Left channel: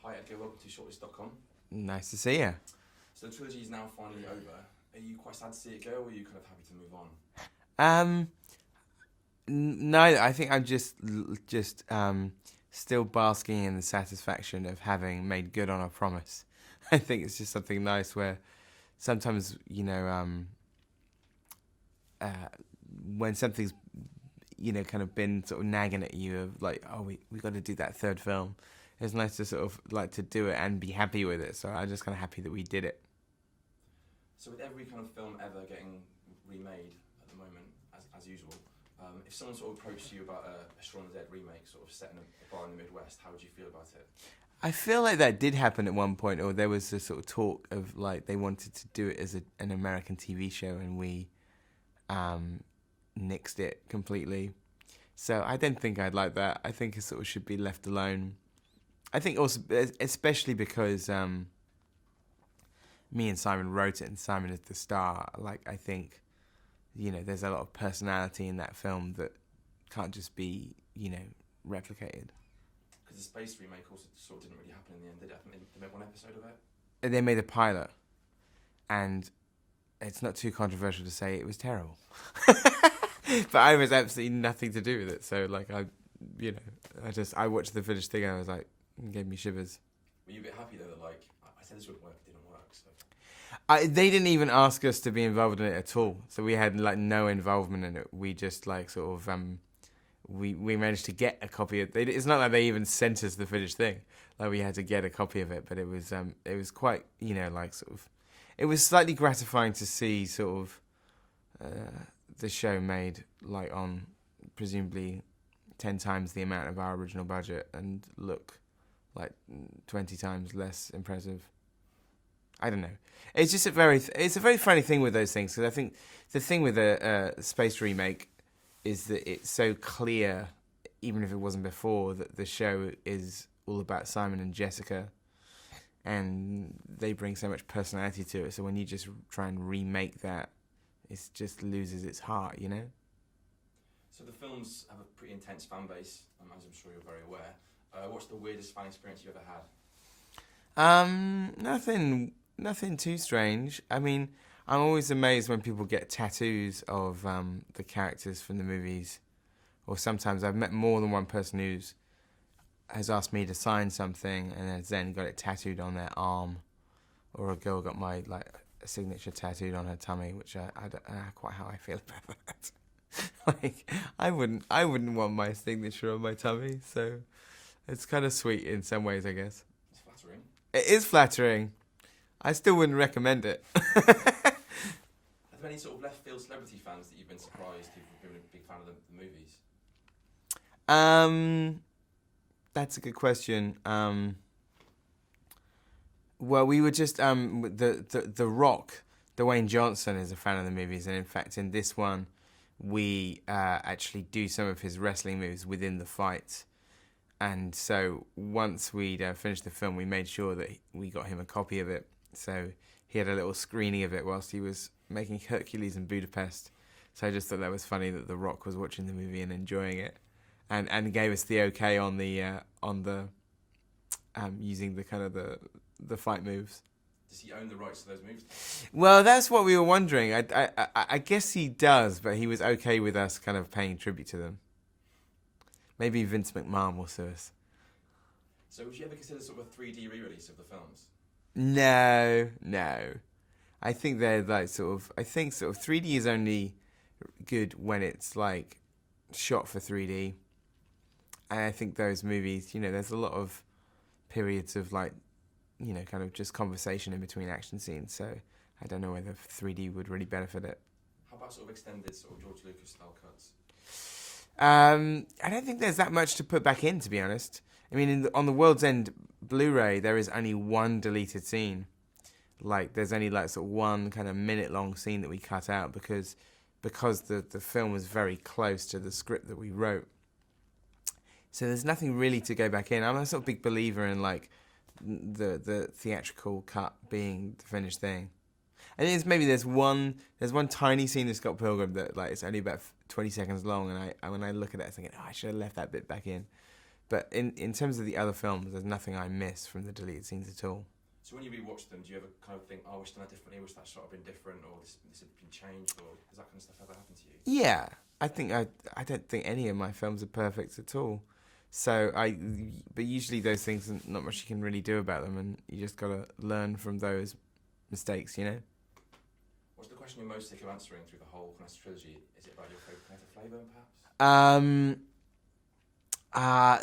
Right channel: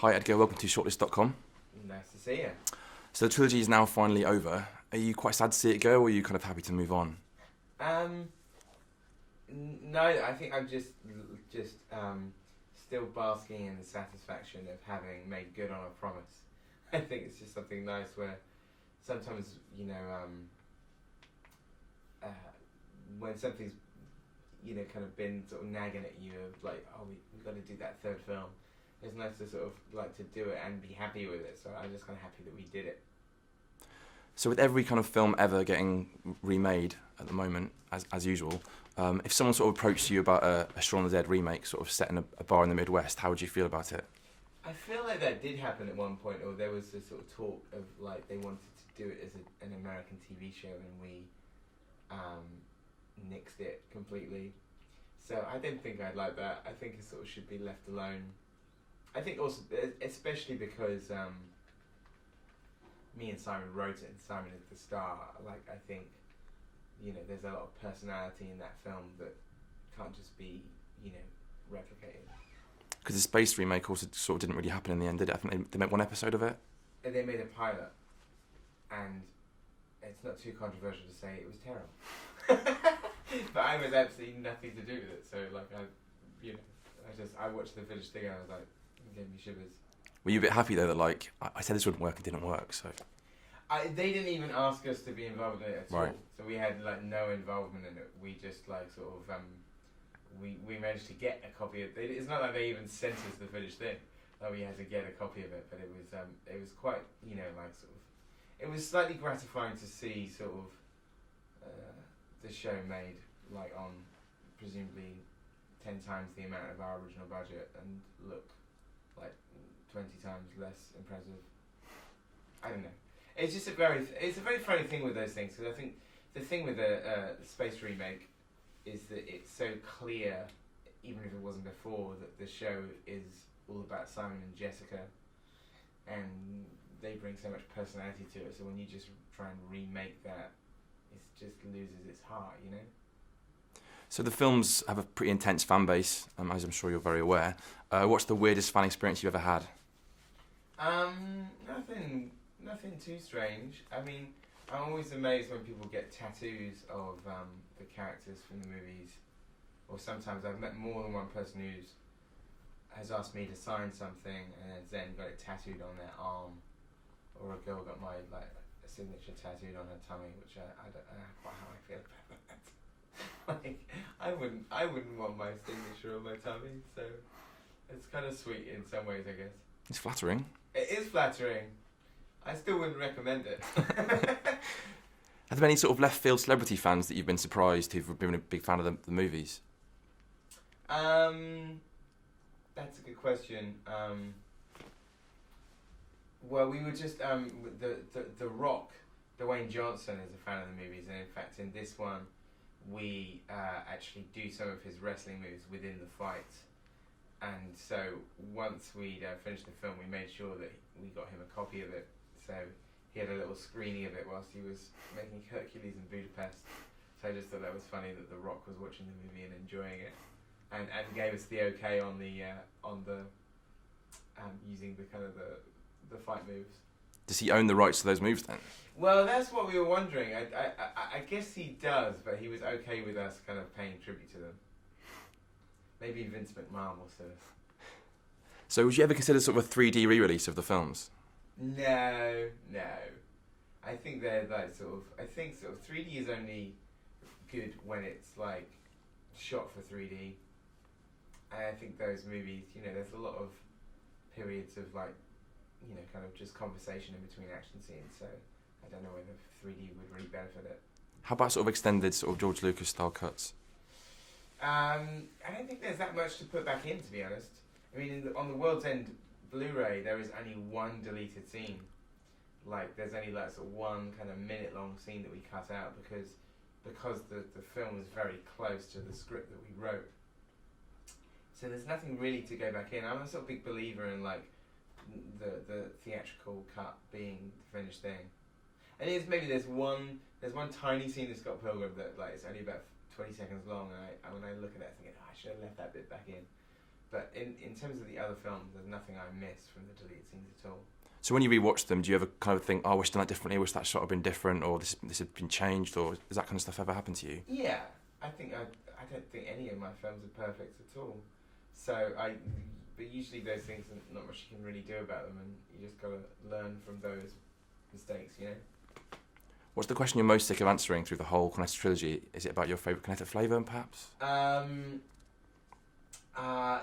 Hi Edgar, welcome to shortlist.com. Nice to see you. So the trilogy is now finally over. Are you quite sad to see it go, or are you kind of happy to move on? No, I think I'm just still basking in the satisfaction of having made good on a promise. I think it's just something nice where sometimes, when something's, kind of been sort of nagging at you of like, oh, we got to do that third film. It's nice to sort of like to do it and be happy with it. So I'm just kind of happy that we did it. So with every kind of film ever getting remade at the moment, as usual, if someone sort of approached you about a Shaun of the Dead remake, sort of set in a bar in the Midwest, how would you feel about it? I feel like that did happen at one point, or there was a sort of talk of like they wanted to do it as an American TV show, and we nixed it completely. So I don't think I'd like that. I think it sort of should be left alone. I think also, especially because me and Simon wrote it, and Simon is the star. Like, I think, there's a lot of personality in that film that can't just be, replicated. Because the space remake also sort of didn't really happen in the end, did it? I think they made one episode of it. And they made a pilot, and it's not too controversial to say it was terrible. But I was absolutely nothing to do with it. So, like, I watched the finished thing and I was like, it gave me shivers. Were you a bit happy though that like I said this wouldn't work, it didn't work? So they didn't even ask us to be involved in it at all. Right. So we had like no involvement in it. We just like sort of we managed to get a copy of it. It's not like they even sent us the finished thing. Like we had to get a copy of it, but it was quite like sort of it was slightly gratifying to see sort of the show made like on presumably 10 times the amount of our original budget and look like 20 times less impressive. I don't know. It's just it's a very funny thing with those things, because I think the thing with a space remake is that it's so clear, even if it wasn't before, that the show is all about Simon and Jessica, and they bring so much personality to it. So when you just try and remake that, it just loses its heart, So the films have a pretty intense fan base, as I'm sure you're very aware. What's the weirdest fan experience you've ever had? Nothing too strange. I mean, I'm always amazed when people get tattoos of the characters from the movies. Or sometimes I've met more than one person who has asked me to sign something and has then got it tattooed on their arm. Or a girl got my a signature tattooed on her tummy, which I don't know quite how I feel about that. Like, I wouldn't want my signature on my tummy, so it's kind of sweet in some ways, I guess. It's flattering. It is flattering. I still wouldn't recommend it. Have there been any sort of left field celebrity fans that you've been surprised who've been a big fan of the movies? That's a good question. Well, we were just the Rock, Dwayne Johnson is a fan of the movies, and in fact, in this one, we actually do some of his wrestling moves within the fight. And so once we'd finished the film, we made sure that we got him a copy of it. So he had a little screening of it whilst he was making Hercules in Budapest. So I just thought that was funny that The Rock was watching the movie and enjoying it, and gave us the okay on the using the kind of the fight moves. Does he own the rights to those moves then? Well, that's what we were wondering. I guess he does, but he was okay with us kind of paying tribute to them. Maybe Vince McMahon will sue us. So would you ever consider sort of a 3D re-release of the films? No. I think they're like sort of 3D is only good when it's like shot for 3D. And I think those movies, there's a lot of periods of like, kind of just conversation in between action scenes. So I don't know whether 3D would really benefit it. How about sort of extended sort of George Lucas style cuts? I don't think there's that much to put back in, to be honest. I mean, on the World's End Blu-ray, there is only one deleted scene. Like, there's only like sort of one kind of minute-long scene that we cut out because the film was very close to the script that we wrote. So there's nothing really to go back in. I'm a sort of big believer in like the theatrical cut being the finished thing. And there's one tiny scene in Scott Pilgrim that like it's only about 20 seconds long, and when I look at it, I'm thinking, I should have left that bit back in. But in terms of the other films, there's nothing I miss from the deleted scenes at all. So when you rewatch them, do you ever kind of think, oh, I wish I'd done that differently, I wish that shot had been different, or this had been changed, or does that kind of stuff ever happen to you? Yeah, I don't think any of my films are perfect at all. So but usually those things, not much you can really do about them, and you just gotta learn from those mistakes, you know. What's the question you're most sick of answering through the whole Cornetto trilogy? Is it about your favourite Cornetto flavour, perhaps?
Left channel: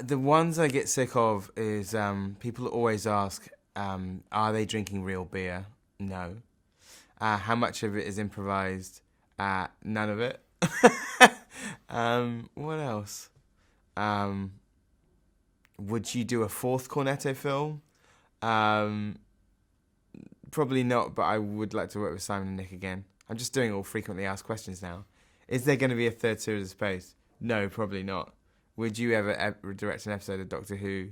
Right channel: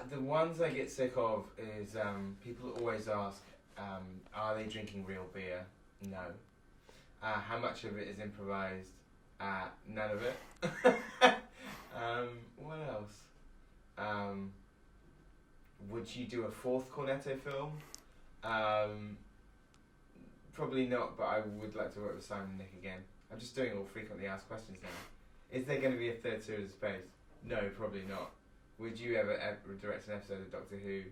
The ones I get sick of is people always ask, are they drinking real beer? No. How much of it is improvised? None of it. What else? Would you do a fourth Cornetto film? Probably not, but I would like to work with Simon and Nick again. I'm just doing all frequently asked questions now. Is there going to be a third series of Space? No, probably not. Would you ever direct an episode of Doctor Who?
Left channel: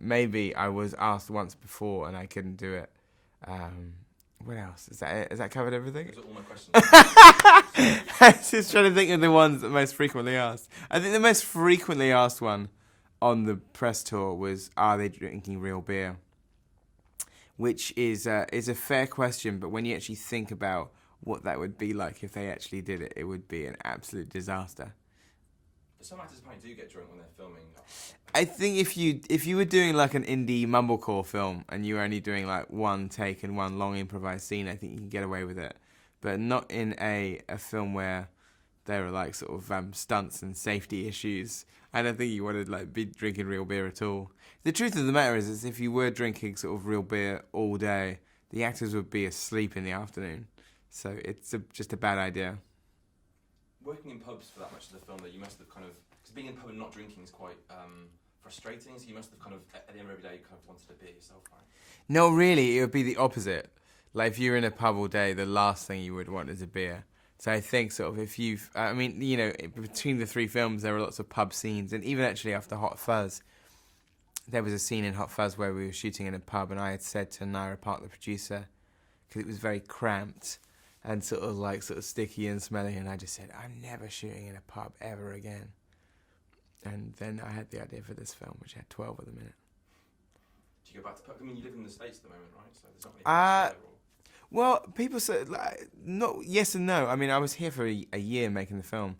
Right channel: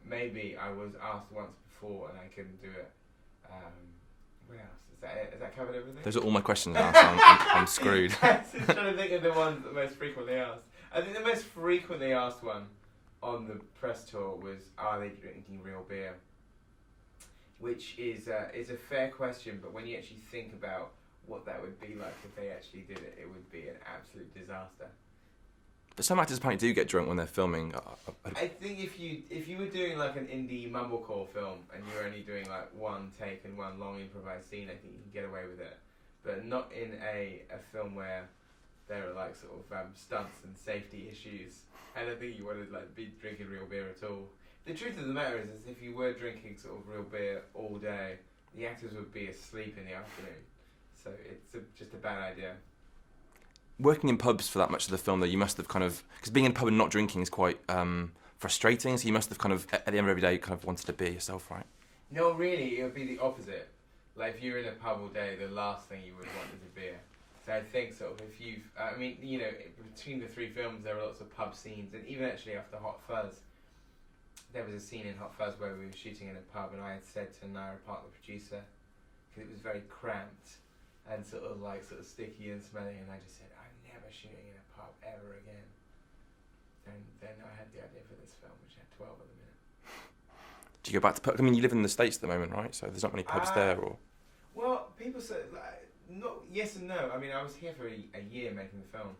Maybe. I was asked once before and I couldn't do it. What else? Is that it? Has that covered everything? Those are all my questions. I'm screwed. I was just trying to think of the ones that most frequently asked. I think the most frequently asked one on the press tour was, are they drinking real beer? Which is a fair question, but when you actually think about what that would be like if they actually did it, it would be an absolute disaster. But some actors apparently do get drunk when they're filming. I think if you were doing like an indie mumblecore film and you were only doing like one take and one long improvised scene, I think you can get away with it. But not in a film where there are like sort of stunts and safety issues. I don't think you want to like be drinking real beer at all. The truth of the matter is if you were drinking sort of real beer all day, the actors would be asleep in the afternoon. So it's just a bad idea. Working in pubs for that much of the film, though, you must have kind of... Because being in a pub and not drinking is quite frustrating, so you must have kind of, at the end of every day, kind of wanted to be yourself, right? No, really, it would be the opposite. Like, if you're in a pub all day, the last thing you would want is a beer. So I think sort of if you've... I mean, you know, between the three films, there were lots of pub scenes, and even actually after Hot Fuzz, there was a scene in Hot Fuzz where we were shooting in a pub, and I had said to Naira Park, the producer, because it was very cramped and sort of sticky and smelly, and I just said, I'm never shooting in a pub ever again. And then I had the idea for this film, which had 12 of them in it. Do you go back to pubs? I mean, you live in the States at the moment, right? So there's not many pubs there, or... Well, people say, like, not yes and no. I mean, I was here for a year making the film.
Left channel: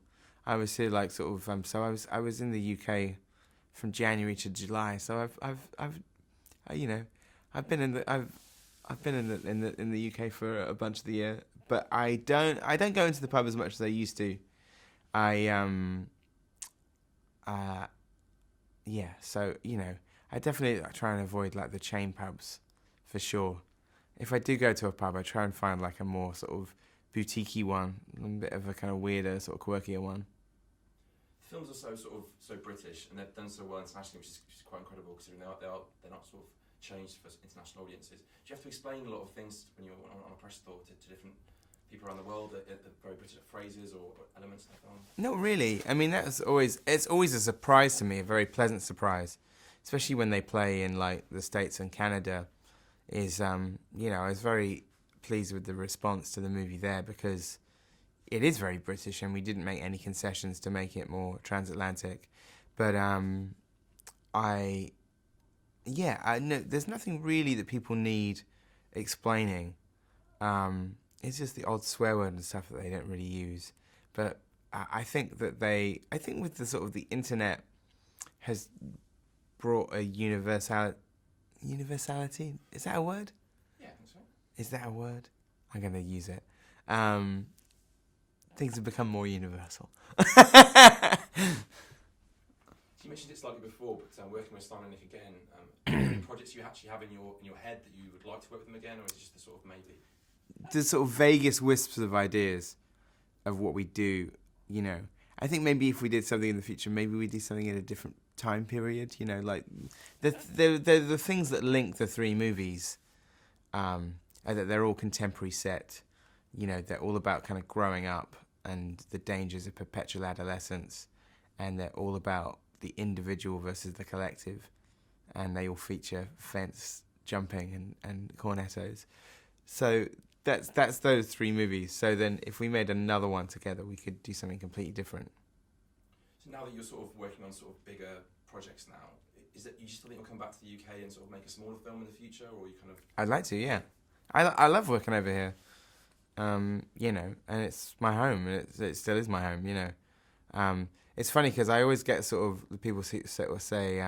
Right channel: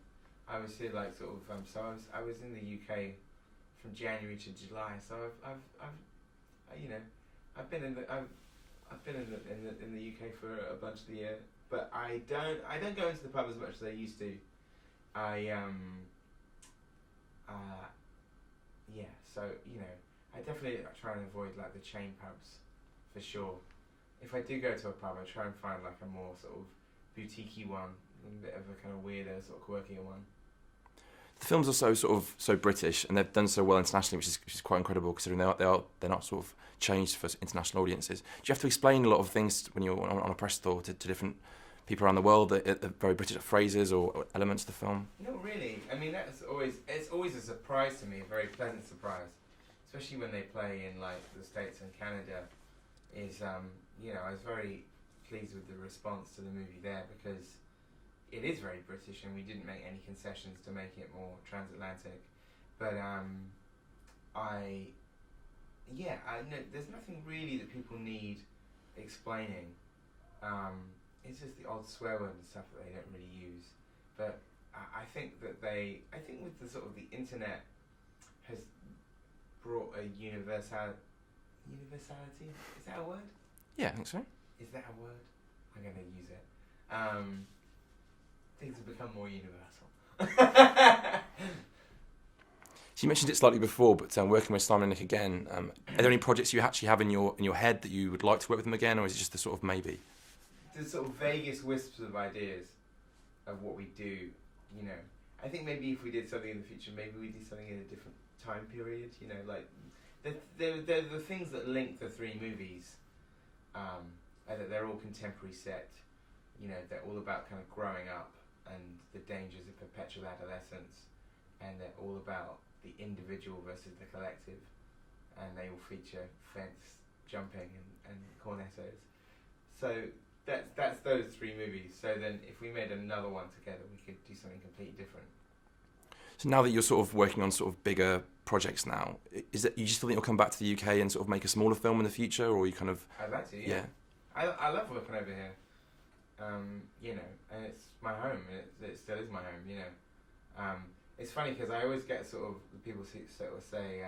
I was here, like, sort of, so I was in the UK from January to July. So I've been in the UK for a bunch of the year. But I don't go into the pub as much as I used to. So, you know, I definitely try and avoid, like, the chain pubs, for sure. If I do go to a pub, I try and find, like, a more sort of boutique-y one, a bit of a kind of weirder, sort of quirkier one. The films are so British, and they've done so well internationally, which is quite incredible, considering they're not sort of changed for international audiences. Do you have to explain a lot of things when you're on a press tour to different people around the world, that very British phrases or elements of the film? Not really. I mean, it's always a surprise to me, a very pleasant surprise, especially when they play in like the States and Canada. I was very pleased with the response to the movie there because it is very British and we didn't make any concessions to make it more transatlantic. But I know there's nothing really that people need explaining. It's just the odd swear word and stuff that they don't really use. But I think with the sort of the internet has brought a universality. Is that a word? Yeah, I think so. Is that a word? I'm going to use it. Things have become more universal. So you mentioned it slightly before, but working with Simon and Nick again, are there any projects you actually have in your head that you would like to work with them again, or is it just a sort of maybe? The sort of vaguest wisps of ideas of what we do, you know. I think maybe if we did something in the future, maybe we do something in a different time period, you know, like the things that link the three movies, are that they're all contemporary set, you know, they're all about kind of growing up and the dangers of perpetual adolescence, and they're all about the individual versus the collective, and they all feature fence jumping and cornettos. So that's those three movies. So then if we made another one together, we could do something completely different. So now that you're sort of working on sort of bigger projects now. Is it you just think you'll come back to the UK and sort of make a smaller film in the future, or you kind of? I'd like to, yeah. I love working over here, you know, and it's my home, and it still is my home, you know. It's funny because I always get sort of the people sort of say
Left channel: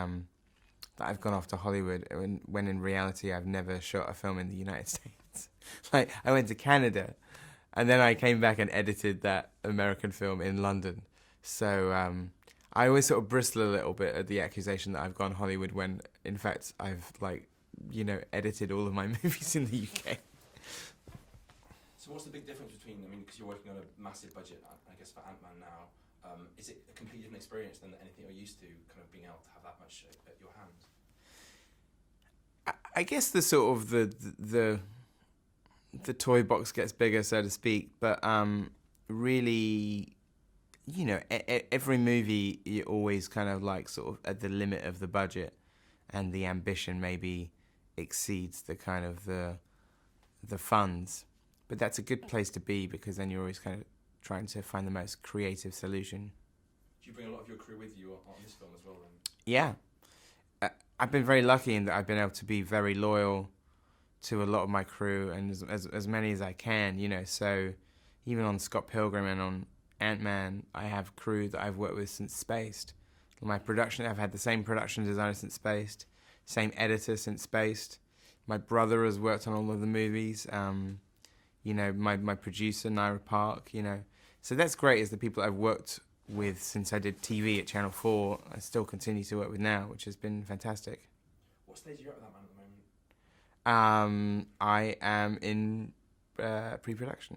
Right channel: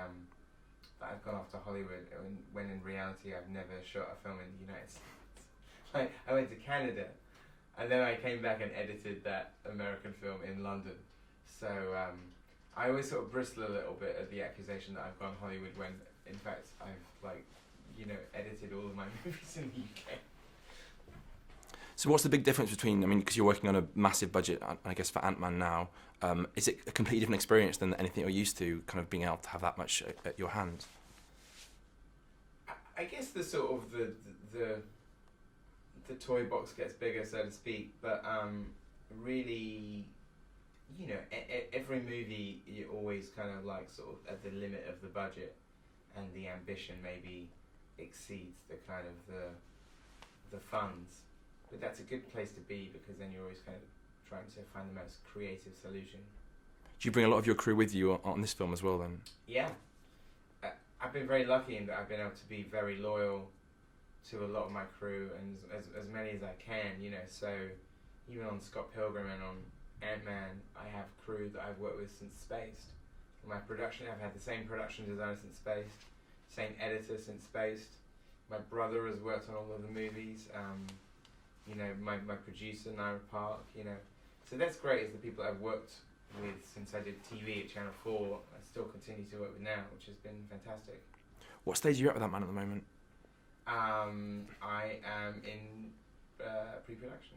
that I've gone off to Hollywood when in reality I've never shot a film in the United States. Like I went to Canada, and then I came back and edited that American film in London. So I always sort of bristle a little bit at the accusation that I've gone Hollywood when in fact I've like, you know, edited all of my movies in the UK. So what's the big difference between, I mean, because you're working on a massive budget, I guess, for Ant-Man now, is it a completely different experience than anything you're used to, kind of being able to have that much at your hand? I guess the sort of the toy box gets bigger, so to speak, but really, you know, every movie you're always kind of like sort of at the limit of the budget, and the ambition maybe exceeds the kind of the funds. But that's a good place to be because then you're always kind of trying to find the most creative solution. Do you bring a lot of your crew with you on this film as well then? Yeah. I've been very lucky in that I've been able to be very loyal to a lot of my crew and as many as I can, you know. So even on Scott Pilgrim and on Ant-Man, I have crew that I've worked with since Spaced. My production, I've had the same production designer since Spaced, same editor since Spaced. My brother has worked on all of the movies. You know, my producer, Naira Park, you know. So that's great, is the people I've worked with since I did TV at Channel 4, I still continue to work with now, which has been fantastic. What stage are you at with that man at the moment? I am in pre-production.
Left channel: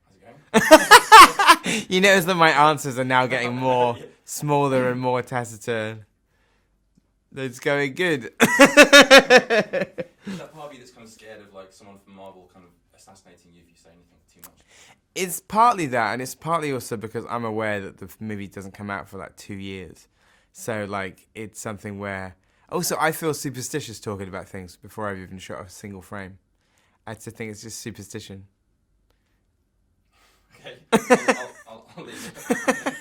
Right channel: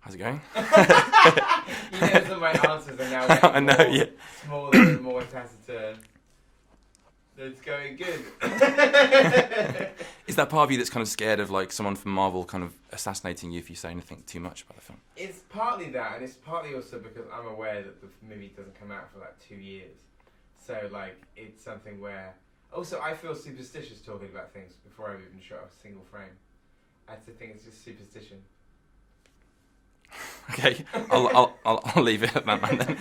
How's it going? You notice that my answers are now getting more smaller and more taciturn. It's going good. Is that part of you that's kind of scared of like someone from Marvel kind of assassinating you if you say anything too much about it? It's partly that, and it's partly also because I'm aware that the movie doesn't come out for like 2 years. So like it's something where also I feel superstitious talking about things before I've even shot a single frame. I just think it's just superstition. Okay, I'll leave it at that, man. Then.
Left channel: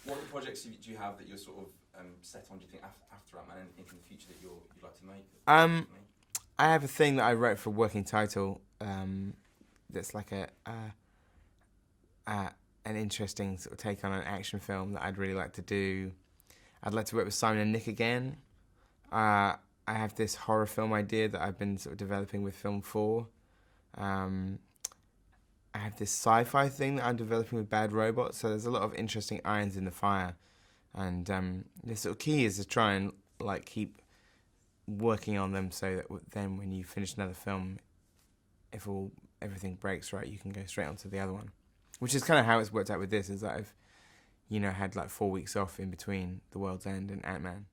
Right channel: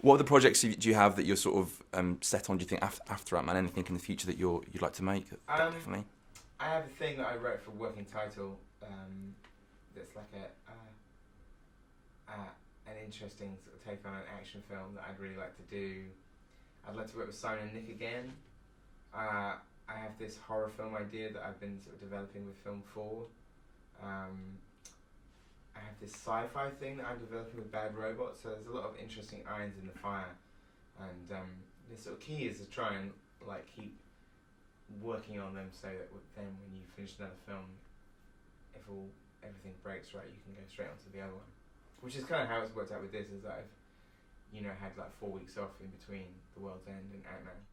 What other projects do you have that you're sort of set on? Do you think after Ant-Man, anything in the future that you'd like to make? Definitely? I have a thing that I wrote for Working Title. That's like an interesting sort of take on an action film that I'd really like to do. I'd like to work with Simon and Nick again. I have this horror film idea that I've been sort of developing with Film 4. I have this sci-fi thing that I'm developing with Bad Robot, so there's a lot of interesting irons in the fire, and the sort of key is to try and like keep working on them so that then when you finish another film, if everything breaks right, you can go straight onto the other one, which is kind of how it's worked out with this. Is that I've, you know, had like 4 weeks off in between The World's End and Ant-Man.